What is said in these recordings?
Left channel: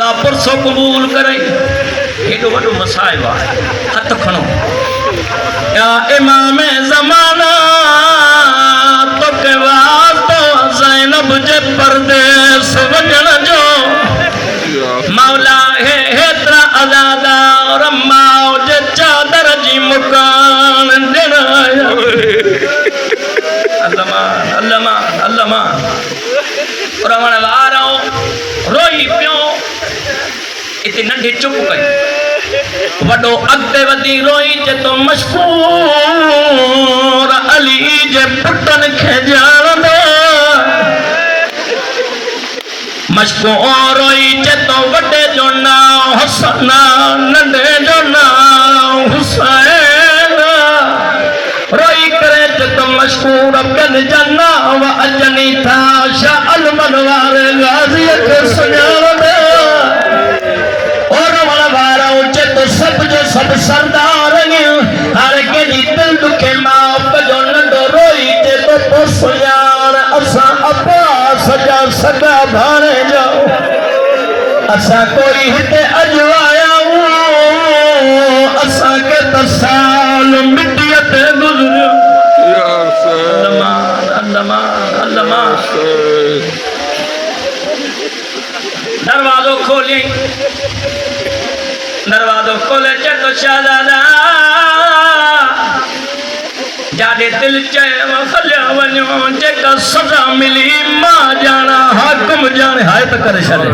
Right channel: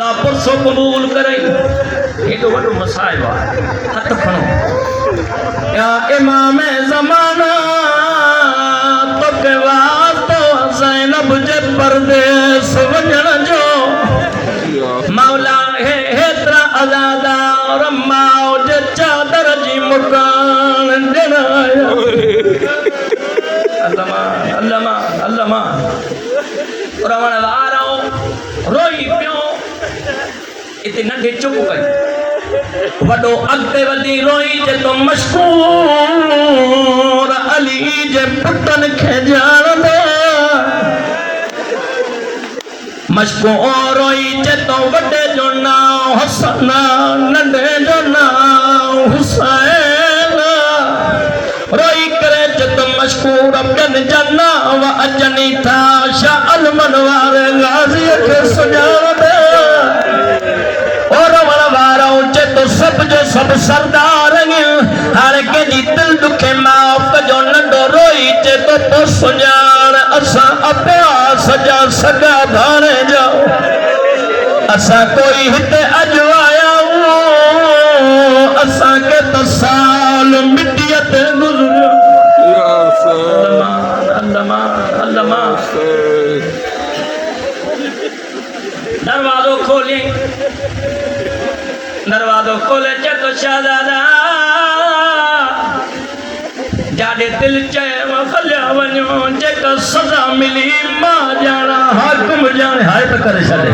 खुदा पुरसो कबूल करे एडो वडो मसाइब है हथ खणो या इमाम ज़माना तो के वास्तो ज़ैनब जे परदेस वञण जो मौला है हेतरा आज़ादा और माओ जे चादर जी मुकान ॾिण अल्लामान अल्लामान अल्लामान रवण वारो रोई पियो इते नंढे चुप कई वडो अॻिते वधी रोई जे तो मशकूर अली जे पुटन खे ॼाणंदो मशकूर रोई जे तो वॾे जो नाम हसन नंढे जो नाम हुसैन रोई करे जे तो मशकूर अब्दुल जन्ना व अजनी था शाह अलमन वारे गाज़ी खे सुञाणंदो सब सरदार हर के दिल दुखे माफ जो नंढो रोई जे तो सुजान असा अपना सजा सगा भाणे जाओ असा कोई हिते अॼु आया असा के तो साल मिट्टीअ ते गुज़रियो अल्लामान अल्लामान अल्लामान दरवाज़ो खोलियई दरवाज़ो खोले चे तो शाहज़ादा जाडे दिल चयो हलिया वञो जेका सज़ा मिली मां ॼाणा हाकिम ॼाणे हाय त करे छॾे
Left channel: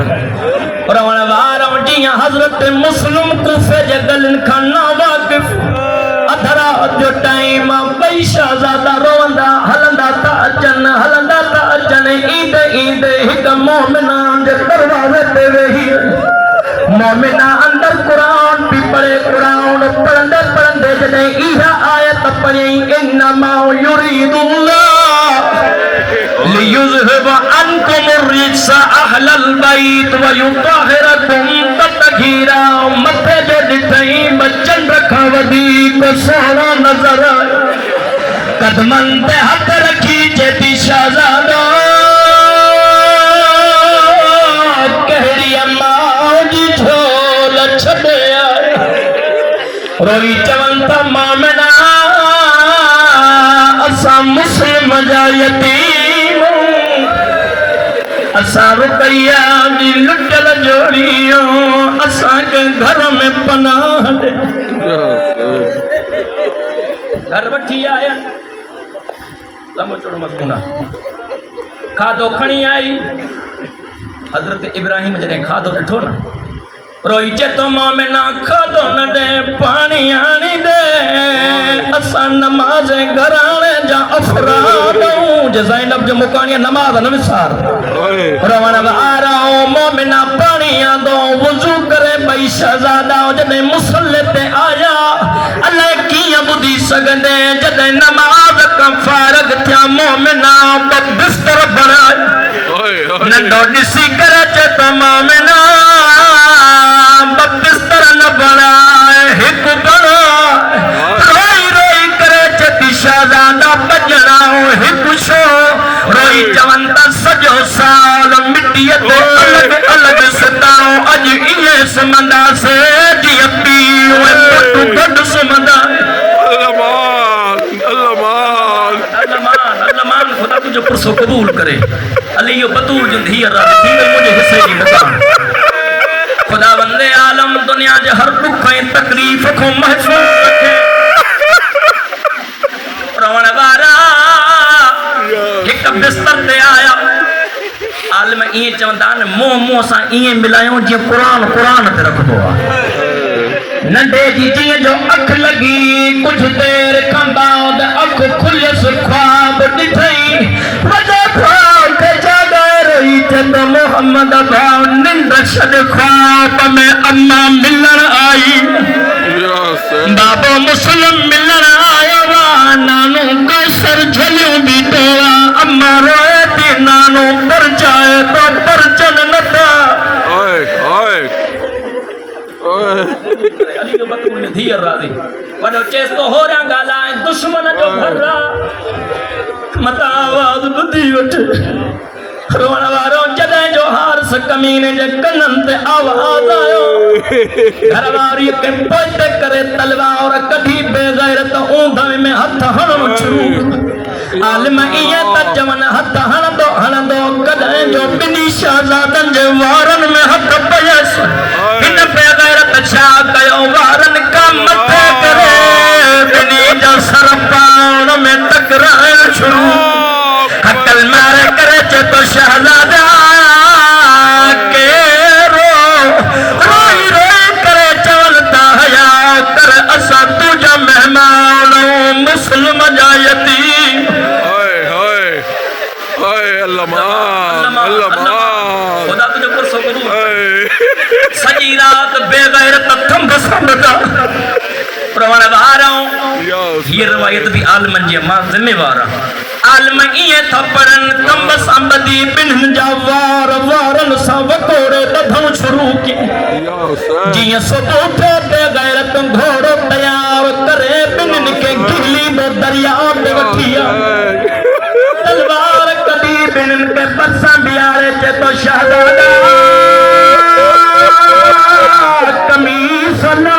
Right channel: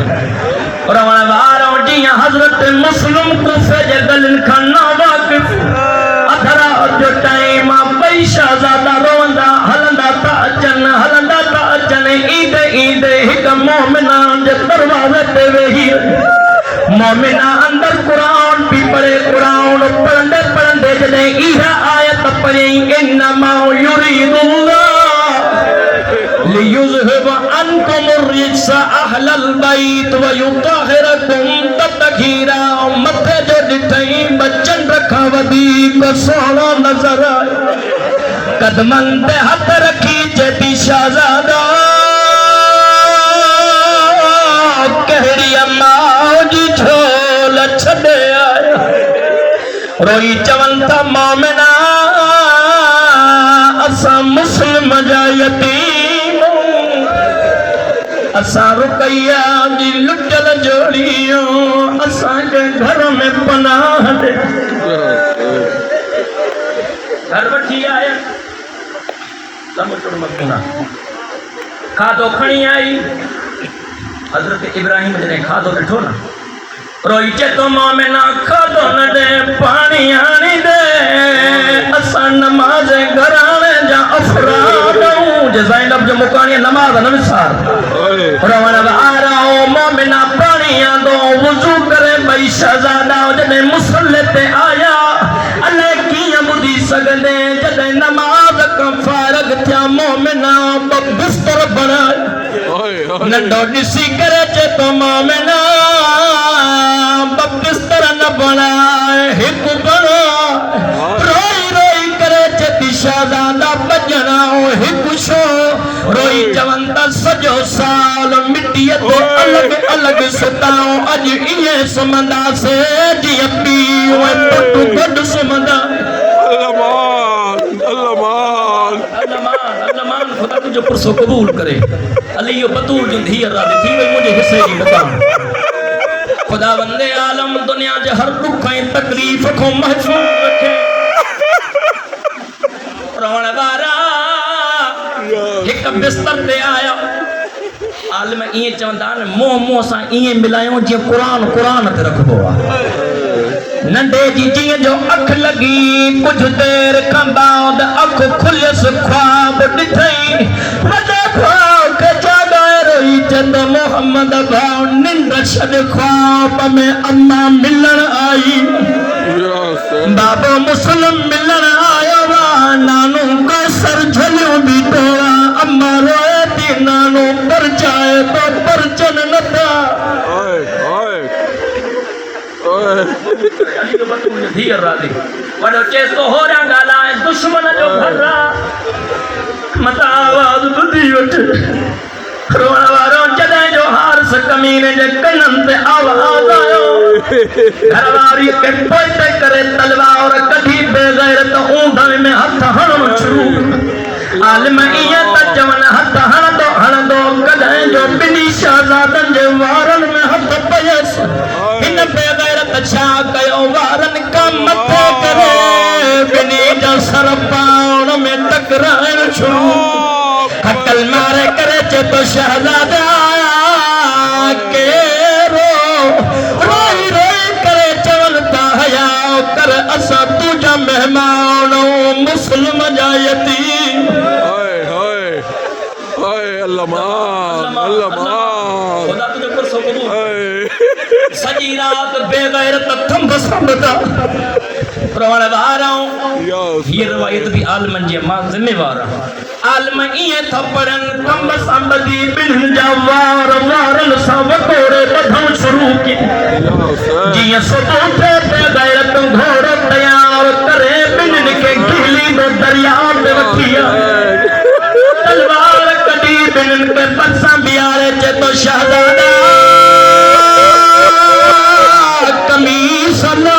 और वण वारो जीअं हज़रत मुस्लिम कूफे जे गलिन खां न वाक़िफ़ अधरा जो टाइम ॿई शाहज़ादा रोवंदा हलंदा था अचनि ईंदे ईंदे हिकु मोमिना जे दरवाज़े ते वेही मोमिना अंदर कुरान भी पढ़े कुरान पढ़ंदे पढ़ंदे जॾहिं इहा आयत पढ़ी इन्नमा युरीदुल्लाह लियुज़हिब अन्कुम अर्रिज्स अहलल बैत व युतहिरकुम तत्हीरा मथे जो ॾिठई बचन खां वधीक सोहणो नज़र कदमन ते हथ रखी चेती शाहज़ादा कहिड़ी अम्मा जी झोल छॾे आए रोई चवनि था मोमिना असां मुस्लिम जा यतीम असां रुकैया जी लुटल जोड़ियो असांखे घर में पनाह ॾे घर वठी आया लंबो चौड़ो मज़मून खाधो खणी आई हज़रत इब्राहिम जॾहिं खाधो ॾिठो न रोई चे तो मोमिना खाधो न ॾे पाणी आणी ॾे असां नमाज़ घराणे जा अफ़राद जे ज़ैनब जो मुकाणीअ नमाज़ न विसार रवण वारो मोमिना पाणी आंदो वुज़ू करे ॿई शहज़ादा जॾहिं मुसल्ले ते आया अलाए कीअं ॿुधी सघंदे जॾहिं नमाज़ खां फ़ारिग़ थिया मोमिना बिस्तर बणाए नंढो ॾिसी करे चे तो मोमिना बिस्तर न बणाए हिकु बणाए रोई रोई करे चेती शाहज़ादा बजणा हिकु छो रोई चवनि था सॼो साल मिटीअ ते अलॻि अलॻि सताऊं अॼु ईअं सुम्हंदासीं जीअं पीउ ऐं पुटु गॾु सुम्हंदा अल्लामान खुदा तुंहिंजो पुरसो क़बूल करे अली इहो बतूल जो धीअ राज़ी थी वई मुंहिंजे हिसे जी मुकान खुदा वंदे आलम दुनिया जे हर दुख ऐं तकलीफ़ खां महफ़ूज़ रखे रवण वारा हिकु बिस्तर ते आया आलिम ईअं चवंदा आहिनि मुंहुं सां ईअं मिलायूं जीअं क़ुरान ते रखिबो आहे नंढे जी जीअं जो अखि लॻी कुझु देरि खां बाद अखि खुलियसि ख्वाब ॾिठई वॾे ख्वाब खे जाॻाए रही चवंदो मोहम्मद भाउ निंड छॾ ख्वाब में अम्मा मिलण आई बाबो मुस्लिम मिलण आयो आहे नानो कैसर झलियूं बीठो आहे अम्मा रोए थी नानो परचाए तो परचन नथा अली जो बतूल धीअ राज़ी वॾो चेस तो होरियां ॻाल्हाए दुश्मन जो घर मता आवाज़ ॿुधी वठ रोण वारो जॾहिं जो हारस कमीने जे कननि ते आवाज़ आयो घरवारी खे पोइते करे तलवार कढी बेग़ैरत ऊंधनि में हथ हणणु शुरू आलिम ईअं त चवनि हथ हणंदो कॾहिं जो ॿिन्ही शहज़ादनि जे वारनि में हथ पयसि हिन बेग़ैरत छा कयो वारनि खां मथे करे ॿिन्ही जा सर पाण में टकराइण शुरू हकल मारे करे चे तो शहज़ादा केरो रोई रोई करे चवलता हया कर असा तुझा मेहमान मुस्लिम जा यतीम अल्लाह मान खुदा तुझे पुरसो करूं सजी रात बेगैरत थंब संभता प्रवण वारों ये रवायत भी आलमन जे मां जिम्मेवार आलम इए थपड़न थंब संभदी बिन जा वार वारन सा वकोड़े बधण शुरू की जिया सुबह थे बेगैरत घोड़ो तैयार करे बिन के गिली में दरिया में वठिया तलवार कड़ी बिन के परसा बियारे चे तो शहजादा कमीस ना